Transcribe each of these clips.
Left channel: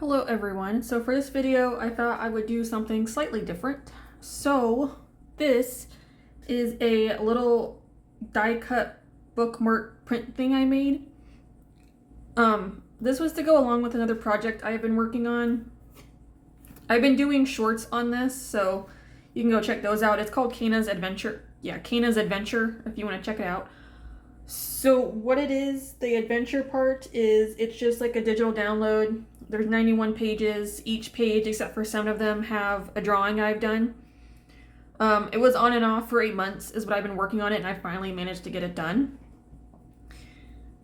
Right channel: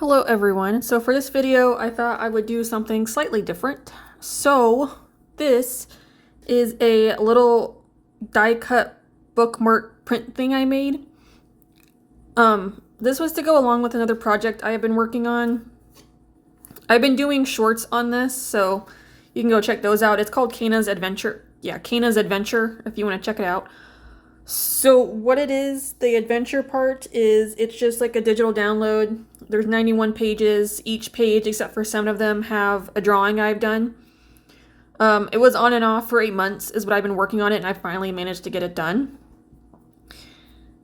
Hello everyone. So for this video, I thought I would do something slightly different. So this is a little die cut bookmark print thing I made. This was to go along with another project I have been working on. I've been doing shorts on this, so you can go check those out. It's called Caena's Adventure. Yeah, Caena's Adventure if you want to check it out. So what it is, the adventure part is it's just like a digital download. There's 91 pages. Each page, except for some of them, have a drawing I've done. It was on and off for 8 months is what I've been working on it, and I finally managed to get it done.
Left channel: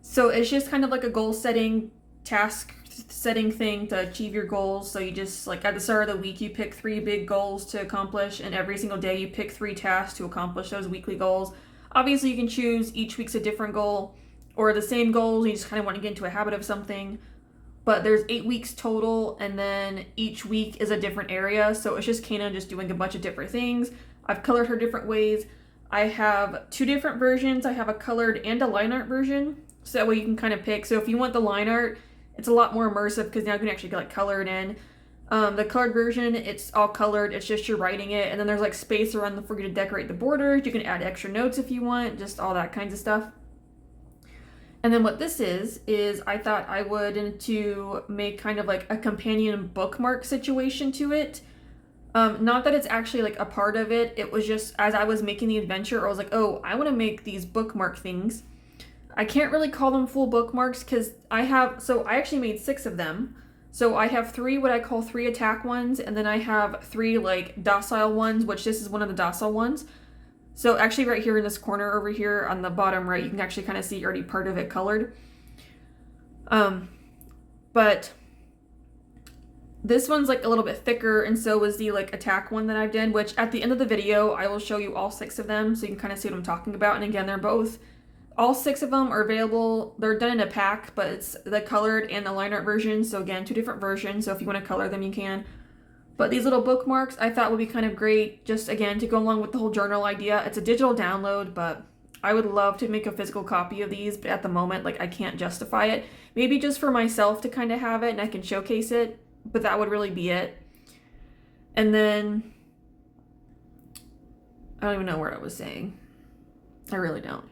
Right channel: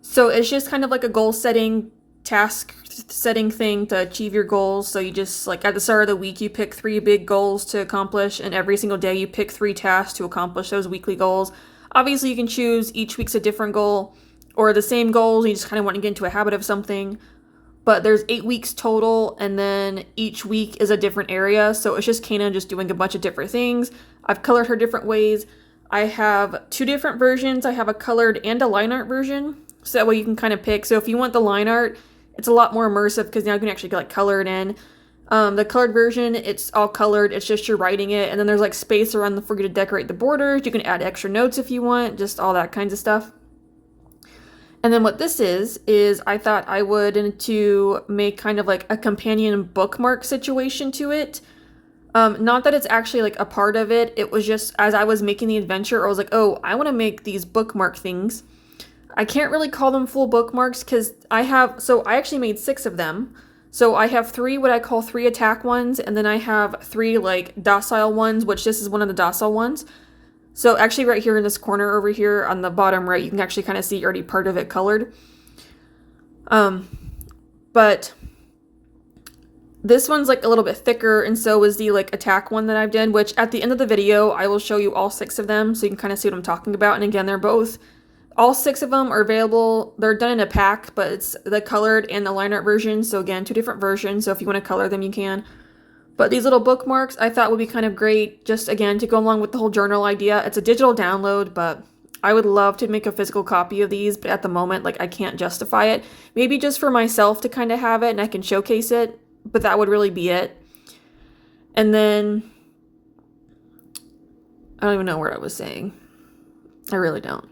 So it's just kind of like a goal setting, task setting thing to achieve your goals. So you just, like, at the start of the week, you pick 3 big goals to accomplish, and every single day you pick 3 tasks to accomplish those weekly goals. Obviously, you can choose each week's a different goal or the same goals. You just kind of want to get into a habit of something. But there's 8 weeks total, and then each week is a different area. So it's just Caena just doing a bunch of different things. I've colored her different ways. I have 2 different versions. I have a colored and a line art version. So that way you can kind of pick. So if you want the line art, it's a lot more immersive because now you can actually like color it in. The colored version, it's all colored. It's just you're writing it, and then there's like space around for you to decorate the borders. You can add extra notes if you want, just all that kinds of stuff. And then what this is I thought I would to make kind of like a companion bookmark situation to it. Not that it's actually like a part of it. It was just as I was making the adventure, I was like, oh, I want to make these bookmark things. I can't really call them full bookmarks because I actually made 6 of them. So I have 3 what I call 3 attack ones, and then I have 3 like docile ones, which this is one of the docile ones. So actually right here in this corner over here on the bottom right, you can actually kind of see already part of it colored. But this one's like a little bit thicker, and so is the like attack one that I've done, which at the end of the video, I will show you all 6 of them so you can kind of see what I'm talking about. And again, all 6 of them are available. They're done in a pack, but it's the colored and the line art version. So again, 2 different versions. So if you want to color them, you can. But these little bookmarks I thought would be kind of great, just again, to go along with the whole journal idea. It's a digital download, but I would love to make a physical copy of these, but at the moment, like, I can't justify it. Maybe just for myself to kind of have it and I can showcase it, but that would really be it. And then, I don't even know what I was saying. I really don't.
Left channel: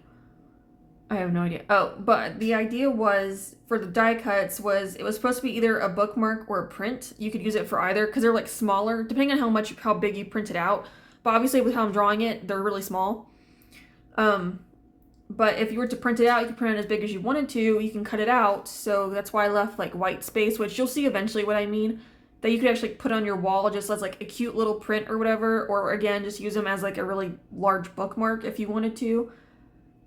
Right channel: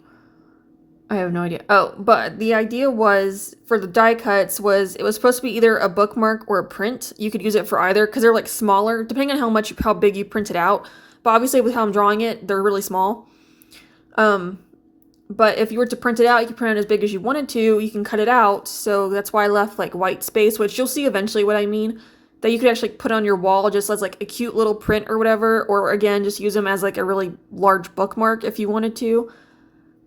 I have no idea. Oh, but the idea was for the die cuts it was supposed to be either a bookmark or a print. You could use it for either because they're like smaller, depending on how big you print it out. But obviously with how I'm drawing it, they're really small. But if you were to print it out, you can print it as big as you wanted to. You can cut it out. So that's why I left like white space, which you'll see eventually what I mean. That you could actually put on your wall just as like a cute little print or whatever. Or again, just use them as like a really large bookmark if you wanted to.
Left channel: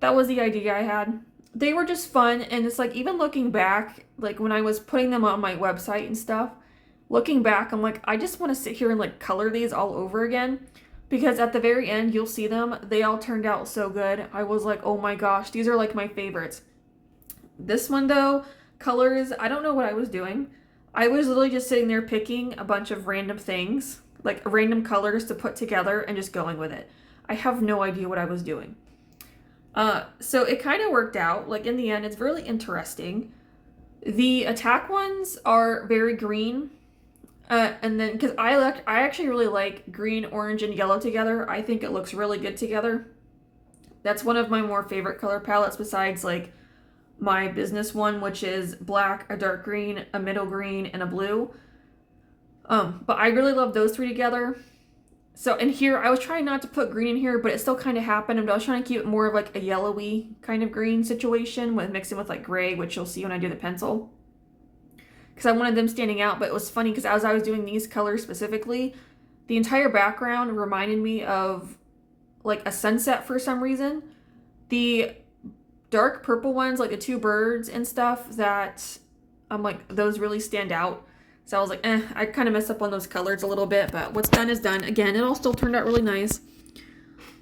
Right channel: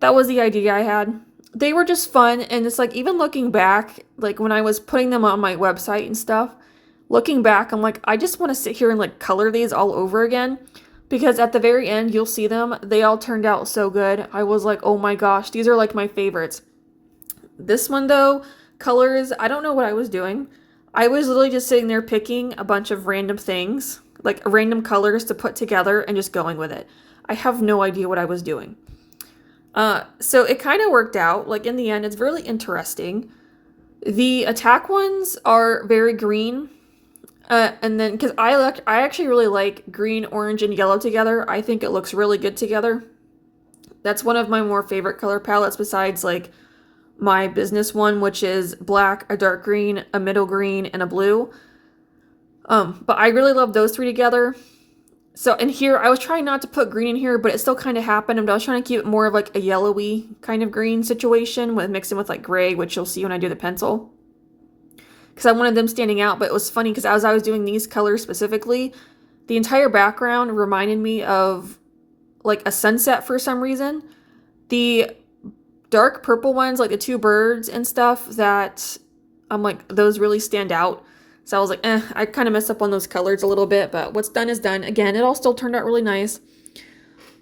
That was the idea I had. They were just fun, and it's like, even looking back, like when I was putting them on my website and stuff, looking back, I'm like, I just want to sit here and like color these all over again, because at the very end, you'll see them. They all turned out so good. I was like, oh my gosh, these are like my favorites. This one though, colors, I don't know what I was doing. I was literally just sitting there picking a bunch of random things, like random colors to put together and just going with it. I have no idea what I was doing. So it kind of worked out. Like in the end, it's really interesting. The attack ones are very green. And then, because I actually really like green, orange, and yellow together. I think it looks really good together. That's one of my more favorite color palettes besides like my business one, which is black, a dark green, a middle green, and a blue. But I really love those 3 together. So in here, I was trying not to put green in here, but it still kind of happened. But I was trying to keep it more of like a yellowy kind of green situation with mixing with like gray, which you'll see when I do the pencil. Because I wanted them standing out, but it was funny because as I was doing these colors specifically, the entire background reminded me of like a sunset for some reason. The dark purple ones, like the 2 birds and stuff, that I'm like, those really stand out. So I was like, I kind of messed up on those colors a little bit, but what's done is done. Again, it all still turned out really nice.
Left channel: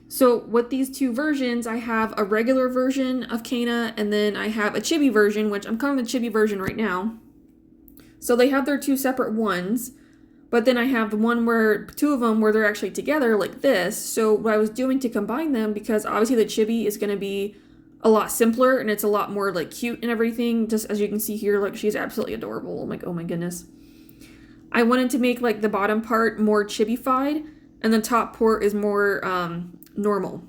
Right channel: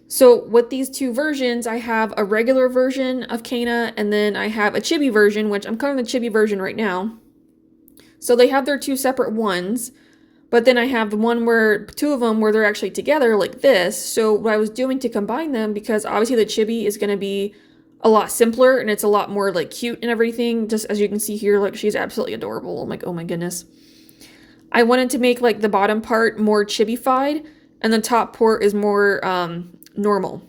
So with these 2 versions, I have a regular version of Caena, and then I have a chibi version, which I'm calling the chibi version right now. So they have their 2 separate ones, but then I have the one where 2 of them where they're actually together like this. So what I was doing to combine them, because obviously the chibi is going to be a lot simpler and it's a lot more like cute and everything. Just as you can see here, like she's absolutely adorable. I'm like, oh my goodness. I wanted to make like the bottom part more chibi-fied and the top part is more normal.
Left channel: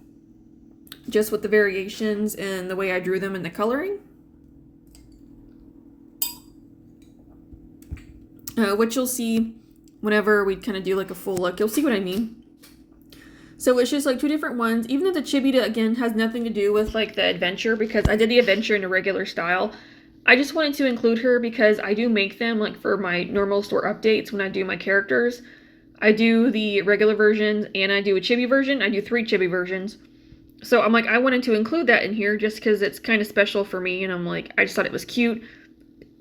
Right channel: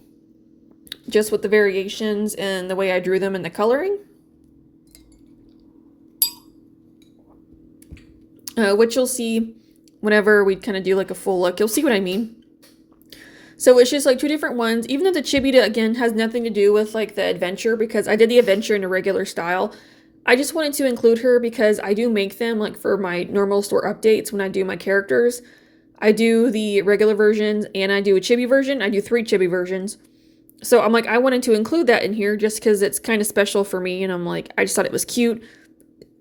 Just with the variations and the way I drew them in the coloring. Which you'll see whenever we kind of do like a full look. You'll see what I mean. So it's just like two different ones. Even though the chibi, again, has nothing to do with like the adventure, because I did the adventure in a regular style. I just wanted to include her because I do make them like for my normal store updates when I do my characters. I do the regular versions and I do a chibi version. I do 3 chibi versions. So I'm like, I wanted to include that in here just because it's kind of special for me. And I'm like, I just thought it was cute.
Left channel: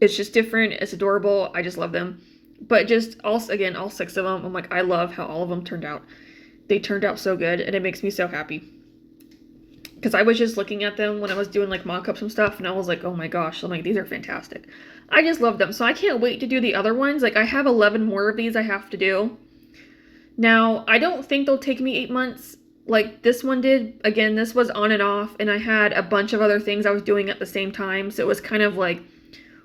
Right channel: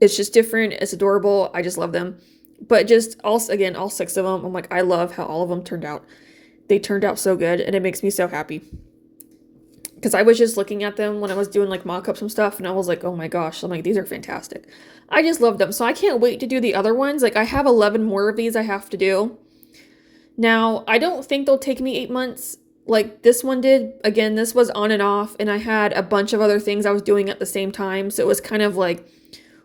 It's just different. It's adorable. I just love them. But just also, again, all 6 of them, I'm like, I love how all of them turned out. They turned out so good and it makes me so happy. Because I was just looking at them when I was doing like mock-ups and stuff and I was like, oh my gosh, I'm like, these are fantastic. I just love them. So I can't wait to do the other ones. Like I have 11 more of these I have to do. Now, I don't think they'll take me 8 months like this one did. Again, this was on and off and I had a bunch of other things I was doing at the same time. So it was kind of like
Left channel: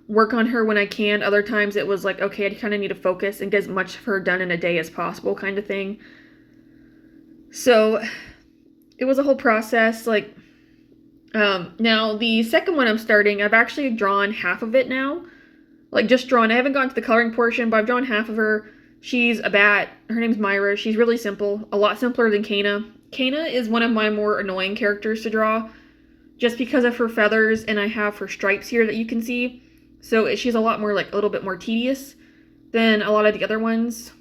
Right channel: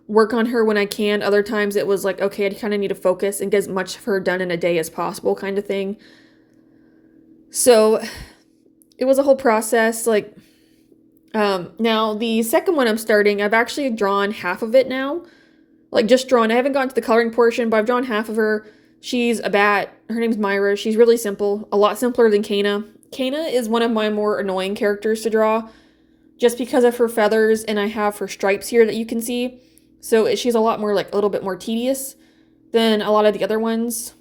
work on her when I can. Other times it was like, okay, I kind of need to focus and get as much of her done in a day as possible kind of thing. So it was a whole process. Like, now the second one I'm starting, I've actually drawn half of it now. Like just drawn. I haven't gotten to the coloring portion, but I've drawn half of her. She's a bat. Her name's Myra. She's really simple. A lot simpler than Caena. Caena is one of my more annoying characters to draw just because of her feathers, and I have her stripes here that you can see. So she's a lot more like a little bit more tedious than a lot of the other ones.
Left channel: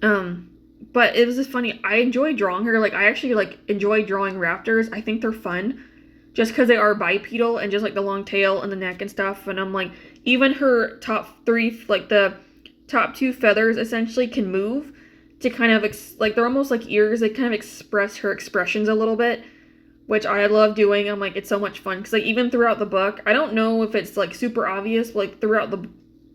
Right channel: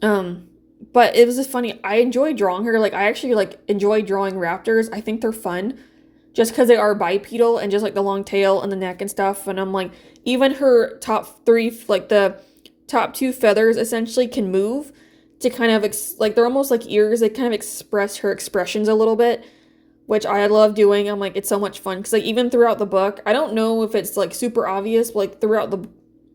But it was just funny. I enjoy drawing her. Like I actually like enjoy drawing raptors. I think they're fun just because they are bipedal and just like the long tail and the neck and stuff. And I'm like, even her top 3, like the top 2 feathers essentially can move to kind of like they're almost like ears. They kind of express her expressions a little bit, which I love doing. I'm like, it's so much fun because like even throughout the book, I don't know if it's like super obvious, but like throughout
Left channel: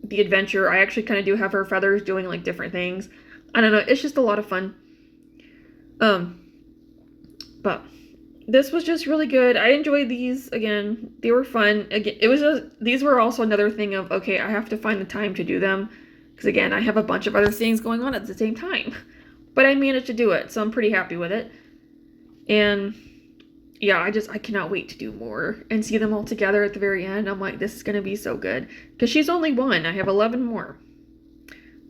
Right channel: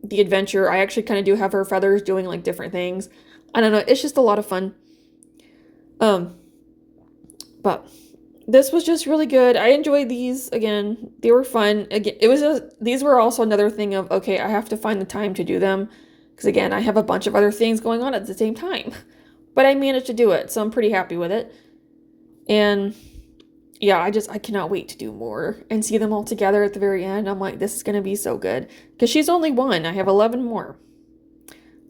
the adventure, I actually kind of do have her feathers doing like different things. I don't know, it's just a lot of fun. But this was just really good. I enjoyed these. Again, they were fun. Again, these were also another thing of, okay, I have to find the time to do them because again, I have a bunch of other things going on at the same time. But I managed to do it, so I'm pretty happy with it. And yeah, I cannot wait to do more and see them all together at the very end. I'm like, this is going to be so good because she's only 1. I have 11 more.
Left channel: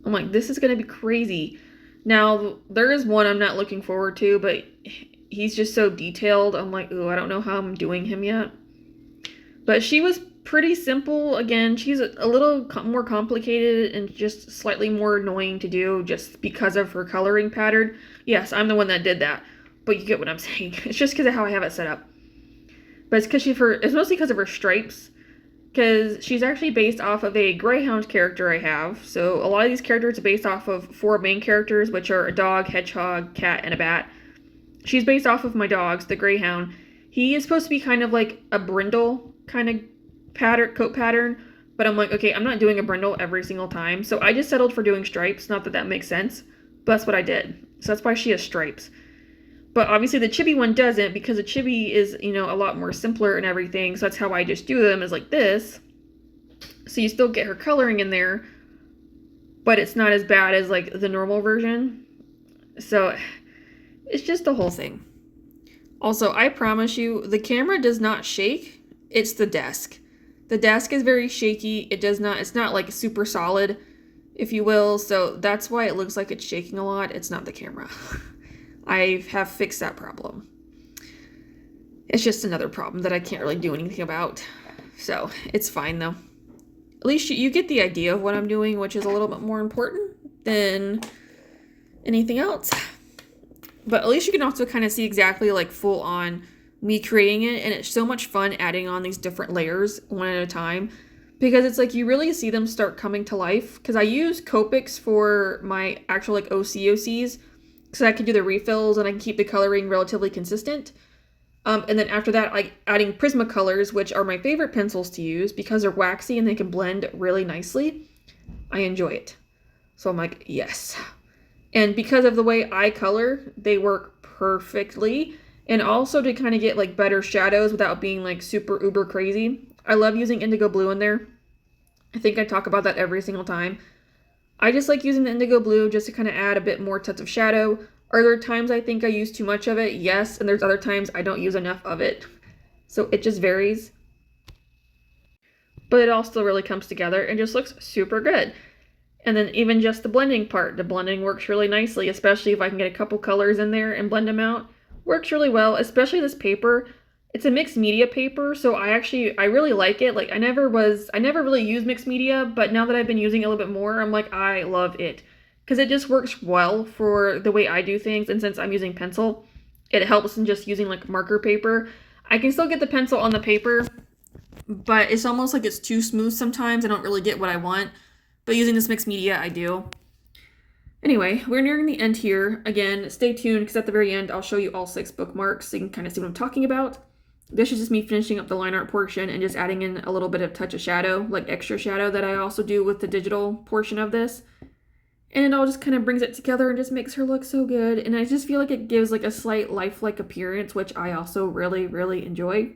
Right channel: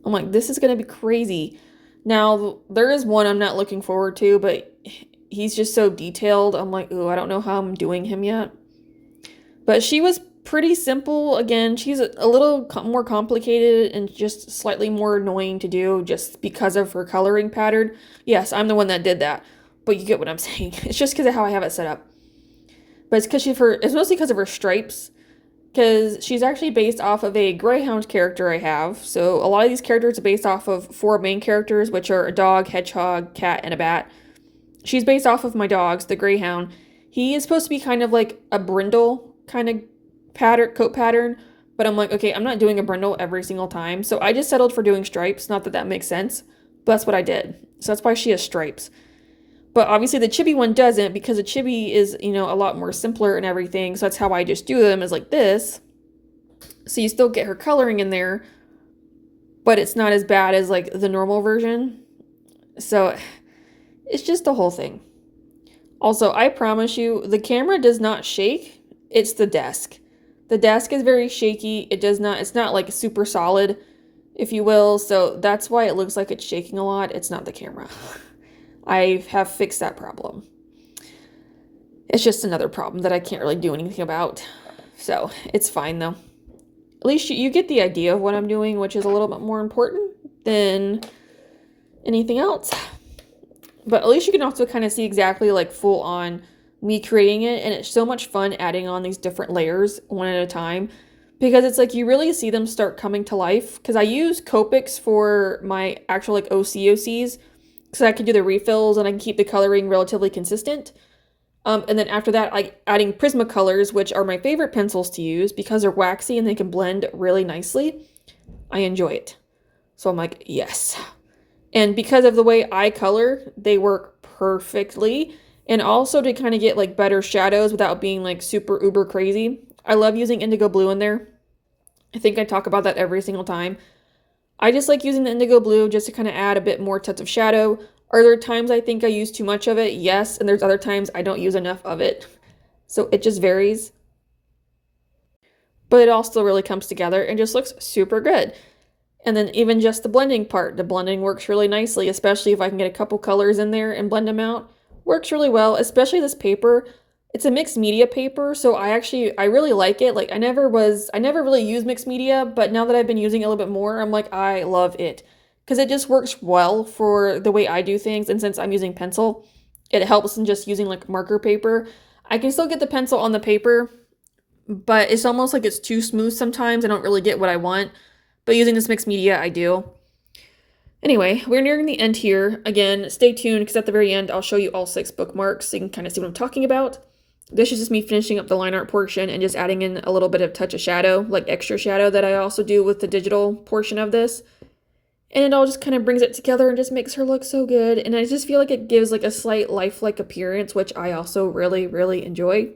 I'm like, this is going to be crazy. Now, there is one I'm not looking forward to, but he's just so detailed. I'm like, ooh, I don't know how I'm doing him yet. But she was pretty simple. Again, she's a little more complicated and just slightly more annoying to do just because of her coloring pattern. Yes, I'm the one that did that, but you get what I'm saying. It's just because of how I have it set up. But it's mostly because of her stripes. Because she's actually based off of a Greyhound character I have. So a lot of these characters are based off of 4 main characters, which are a dog, hedgehog, cat, and a bat. She's based off of my dogs, the Greyhound. He is supposed to be kind of like a brindle kind of coat pattern. But I'm like, okay, I'm not doing a brindle every single time. So I just settled for doing stripes. Not that that makes sense, but that's what I did. So that's why she has stripes. But obviously the chibi one doesn't because the chibi is, a lot more simpler and everything. So that's how I just do them is like this. So you still get her coloring in there, but it's not as bad as like the normal version. So it's just the whole thing. Also, I promise you, the camera does not shake. It's the desk. The desk is very shaky. It's not like super solid, if you will. So that's why it looks like it's shaking a lot. It's not the camera. I have fixed that problem. It's just another problem that I can't really do anything about. So it's fine though. At least you get the idea of what I'm doing, which is a little bit more important than anything else. But at least you can also kind of see exactly like full on me creating it. And it's so much fun adding on these different layers one at a time. Because it's like you really see them start coming to life. Because I use Copics for my actual like OCOCs. So I can do the refills and I can keep the coloring relatively consistent. And then after that, adding Prismacolors, which are my favorite pencils to use because they're waxy and they can blend really nicely. I enjoy it. So I'm like, yes. And because of the way I color, they work perfectly. And also to kind of get like better shadows without being like super uber crazy. I love using indigo blue in there. I think I talk about that every single time. I just like using the indigo blue just to kind of add a bit more touch of shadow. Are there times I think I use too much of it? Yes, and there's other times I don't use enough of it. So it just varies. But it all still really comes together and just looks super good. And then even just the blending part, the blending works really nicely, especially if I can get a couple colors in there and blend them out. Works really well, especially this paper. It's a mixed media paper, so I really like it. Like I never really used mixed media, but now that I've been using it a little bit more, I'm like, I love it. Because it just works well for the way I do things, and since I'm using pencil, it helps in just using like marker paper. I can still get the pencil on the paper, but it's almost like it's too smooth sometimes. I don't really get what I want. But using this mixed media, I do. Anyway, we're nearing the end here. Again, stay tuned because at the very end, I'll show you all 6 bookmarks so you can kind of see what I'm talking about. This is just me finishing up the line art portion and just adding in a little bit of touch of shadow, like extra shadow that I also do with the digital portion of this. And it all just kind of brings it together and just makes her look so good. And I just feel like it gives like a slight lifelike appearance, which I also really, really enjoy.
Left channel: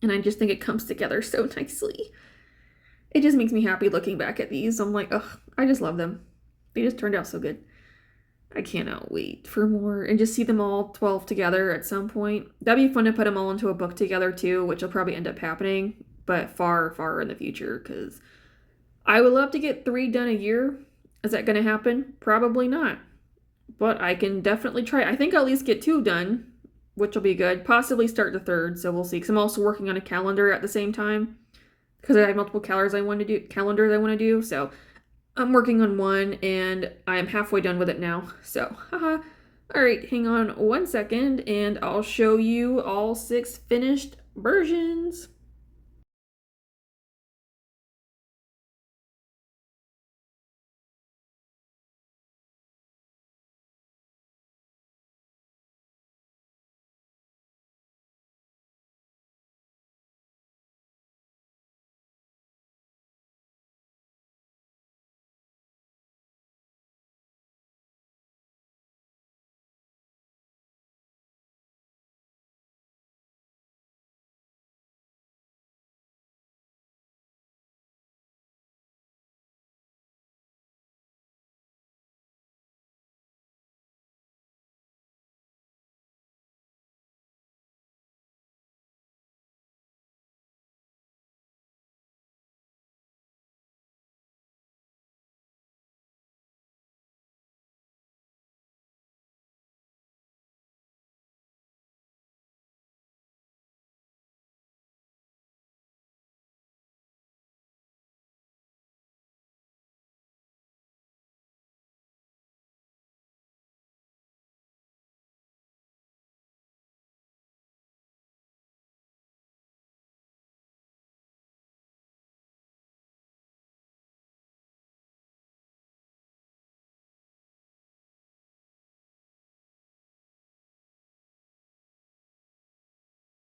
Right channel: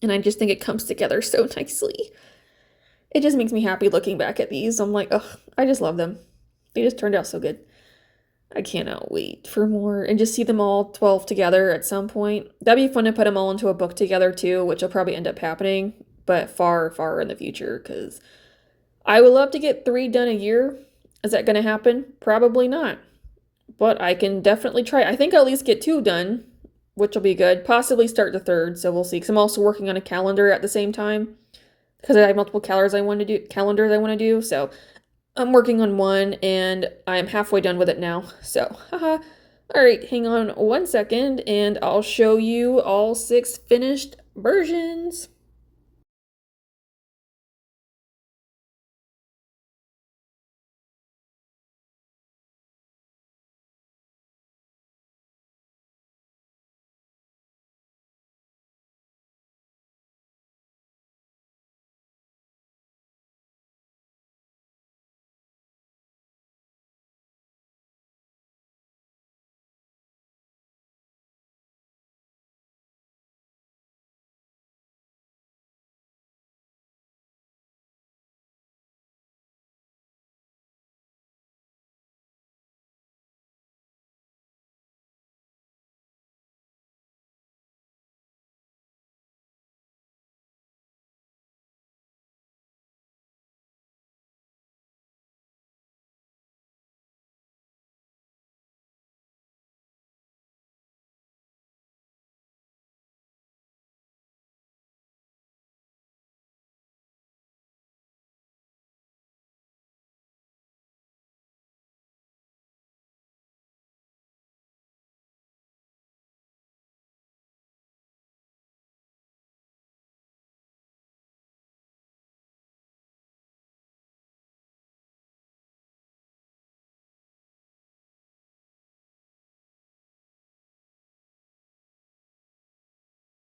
And I just think it comes together so nicely. It just makes me happy looking back at these. I'm like, ugh, I just love them. They just turned out so good. I cannot wait for more and just see them all 12 together at some point. That'd be fun to put them all into a book together too, which will probably end up happening, but far, far in the future because I would love to get 3 done a year. Is that going to happen? Probably not, but I can definitely try. I think I'll at least get 2 done, which will be good. Possibly start the 3rd, so we'll see. Because I'm also working on a calendar at the same time because I have multiple calendars I want to do. So I'm working on one and I'm halfway done with it now. So, haha. All right, hang on one second and I'll show you all 6 finished versions.